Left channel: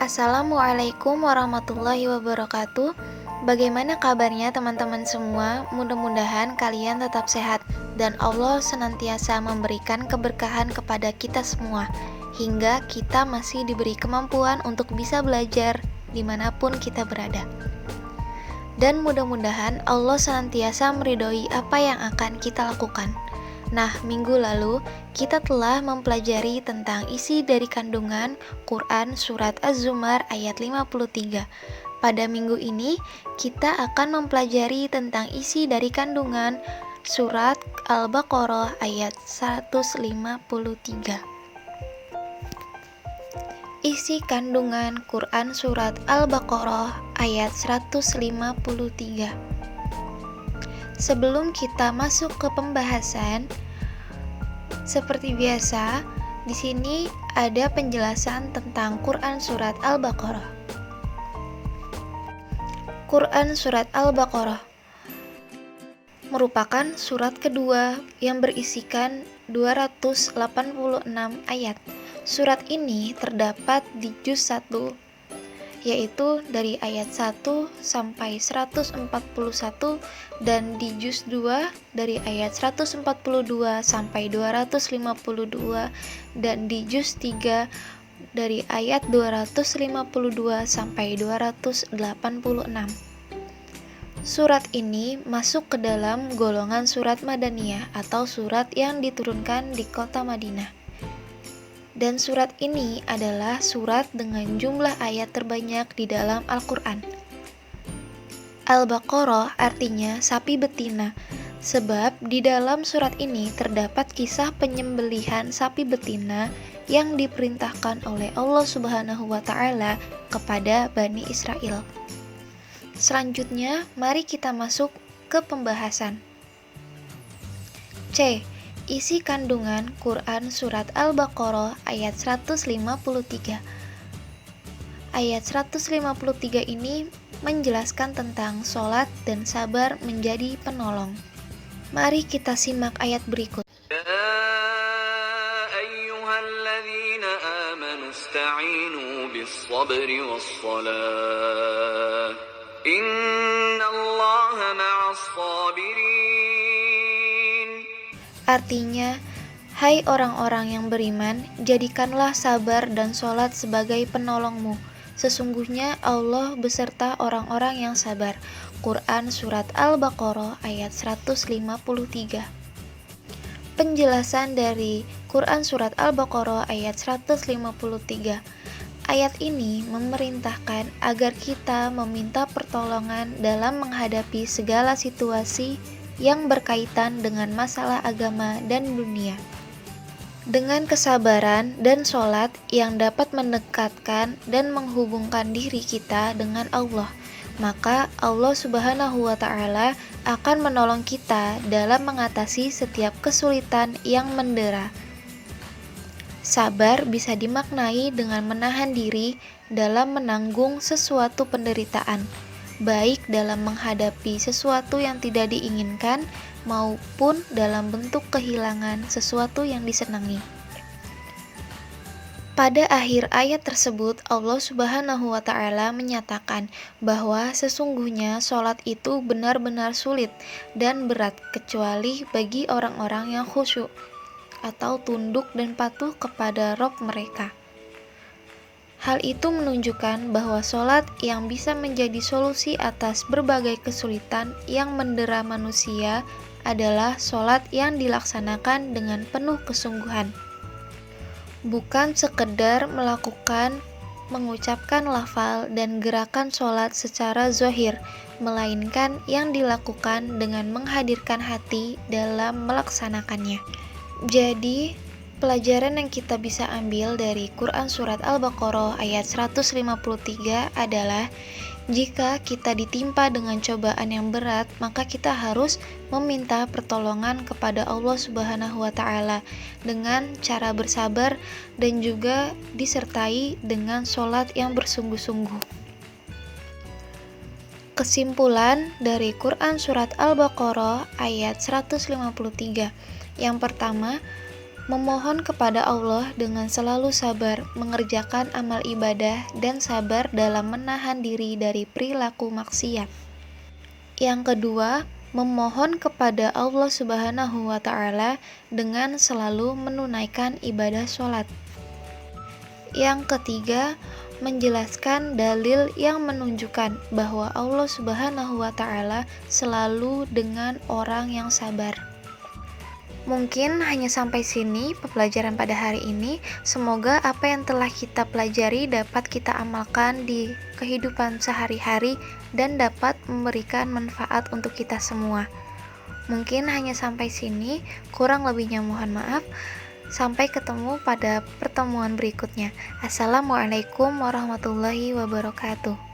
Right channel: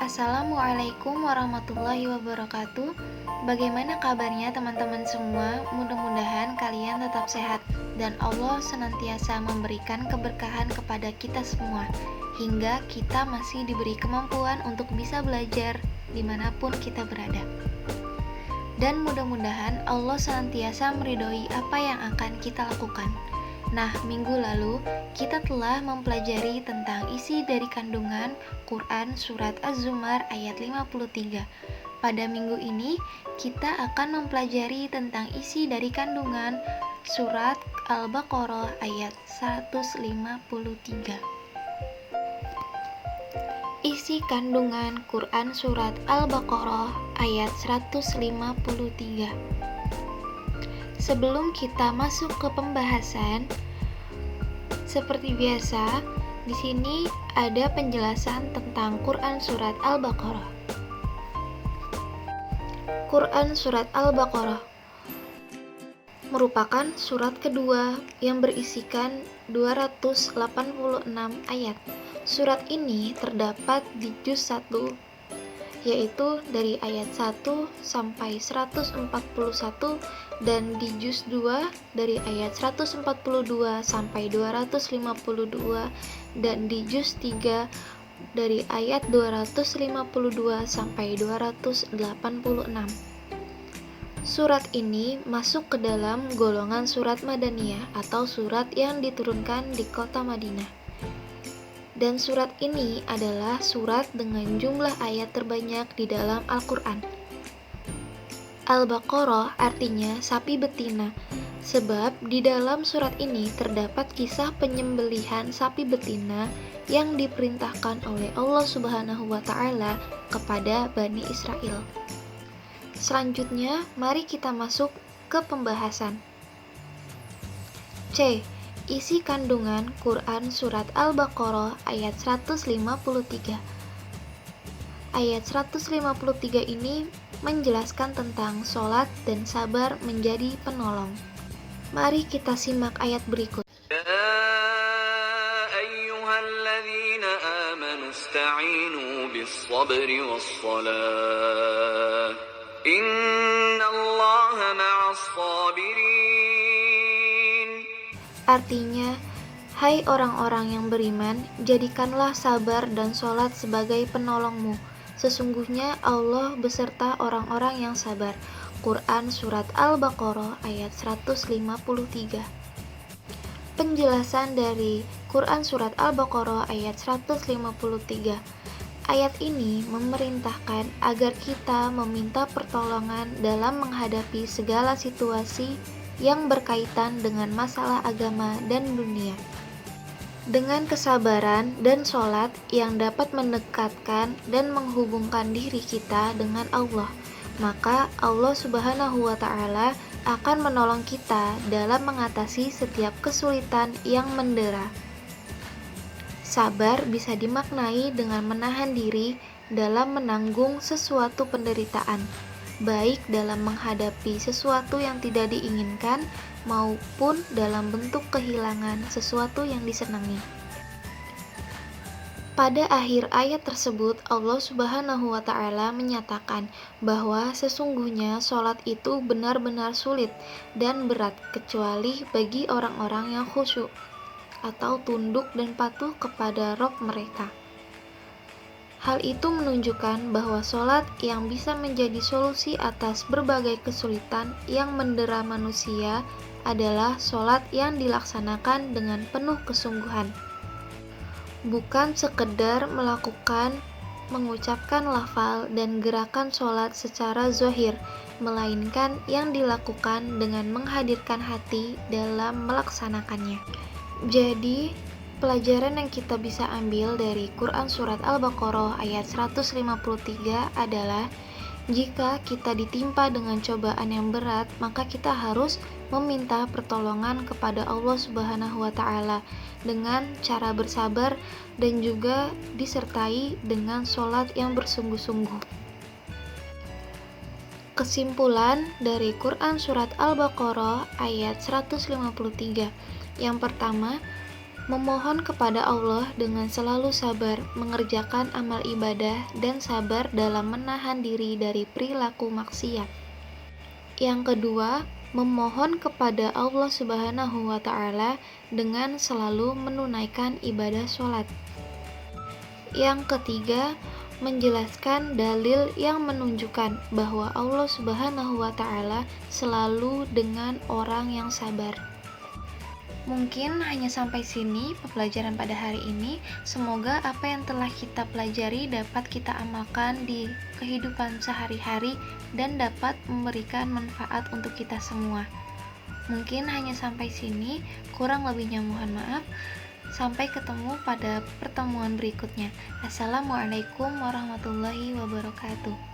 Assalamualaikum warahmatullahi wabarakatuh. Bagaimana kabarnya teman-teman semua? Mudah-mudahan kalian tetap sehat dan Allah senantiasa memberikan keberkahan kepada kita semua hingga kita masih diberi kemampuan untuk bisa belajar dimanapun kita berada. Dan mudah-mudahan Allah senantiasa meridhoi apa yang akan kita lakukan. Nah, minggu lalu kita telah mempelajari tentang isi dari kandungan Quran Surat Az-Zumar ayat 53. Pada minggu ini kita akan mempelajari tentang isi dari kandungan Surat Al-Baqarah ayat 153. Isi kandungan Quran Surat Al-Baqarah ayat 153. Sebelum kita masuk ke pembahasan, seperti biasa, di sini ada penjelasan tentang Quran Surat Al-Baqarah. Quran Surat Al-Baqarah merupakan surat kedua yang berisikan 286 ayat. Surat ini terdapat di juz 1, yaitu dari ayat 1 sampai 141, dan di juz 2 dari ayat 142 sampai 252, dan di juz 3 dari ayat 252 sampai 286. Surat ini masuk ke dalam golongan surat Madaniyah atau surat yang diturunkan di kota Madinah. Dan surat ini adalah surat dengan jumlah ayat terbanyak di dalam Al-Quran. Al-Baqarah artinya sapi betina, sebab di dalam surat ini terdapat kisah penyembelihan sapi betina yang diperintahkan oleh Allah Subhanahu wa Ta'ala kepada Bani Israel. Selanjutnya, mari kita masuk ke pembahasan. C. Isi kandungan Quran Surat Al-Baqarah ayat 153. Ayat 153 ini menjelaskan tentang sholat dan sabar menjadi penolong. Mari kita simak ayat berikut. Ya ayyuhalladzina amanu ista'inu bis-sabri was-salah. Innallaha ma'as-sabirin. Artinya, hai orang-orang yang beriman, jadikanlah sabar dan sholat sebagai penolongmu. Sesungguhnya Allah beserta orang-orang yang sabar. Quran Surat Al-Baqarah ayat 153. Penjelasan dari Quran Surat Al-Baqarah ayat 153. Ayat ini memerintahkan agar kita meminta pertolongan dalam menghadapi segala situasi yang berkaitan dengan masalah agama dan dunia. Dengan kesabaran dan sholat yang dapat mendekatkan dan menghubungkan diri kita dengan Allah, maka Allah Subhanahu wa Ta'ala akan menolong kita dalam mengatasi setiap kesulitan yang mendera. Sabar bisa dimaknai dengan menahan diri dalam menanggung sesuatu penderitaan, baik dalam menghadapi sesuatu yang tidak diinginkan maupun dalam bentuk kehilangan sesuatu yang disenangi. Pada akhir ayat tersebut, Allah Subhanahu wa Ta'ala menyatakan bahwa sesungguhnya sholat itu benar-benar sulit dan berat kecuali bagi orang-orang yang khusyuk atau tunduk dan patuh kepada Rabb mereka. Hal itu menunjukkan bahwa sholat yang bisa menjadi solusi atas berbagai kesulitan yang mendera manusia adalah sholat yang dilaksanakan dengan penuh kesungguhan. Bukan sekedar mengucapkan lafal dan gerakan sholat secara zahir, melainkan yang dilakukan dengan menghadirkan hati dalam melaksanakannya. Jadi, pelajaran yang kita bisa ambil dari Quran Surat Al-Baqarah ayat 153 adalah jika kita ditimpa dengan cobaan yang berat, maka kita harus meminta pertolongan kepada Allah Subhanahu wa Ta'ala dengan cara bersabar dan juga disertai dengan sholat yang bersungguh-sungguh. Kesimpulan dari Quran Surat Al-Baqarah ayat 153. Yang pertama, Memohon kepada Allah dengan selalu sabar mengerjakan amal ibadah dan sabar dalam menahan diri dari perilaku maksiat. Yang kedua, memohon kepada Allah Subhanahu wa Ta'ala dengan selalu menunaikan ibadah sholat. Yang ketiga, menjelaskan dalil yang menunjukkan bahwa Allah Subhanahu wa Ta'ala selalu dengan orang yang sabar. Mungkin hanya sampai sini pembelajaran pada hari ini. Semoga apa yang telah kita pelajari dapat kita amalkan di kehidupan sehari-hari dan dapat memberikan manfaat untuk kita semua. Mungkin hanya sampai sini, kurang lebihnya mohon maaf. Sampai ketemu pada pertemuan berikutnya. Assalamualaikum warahmatullahi wabarakatuh.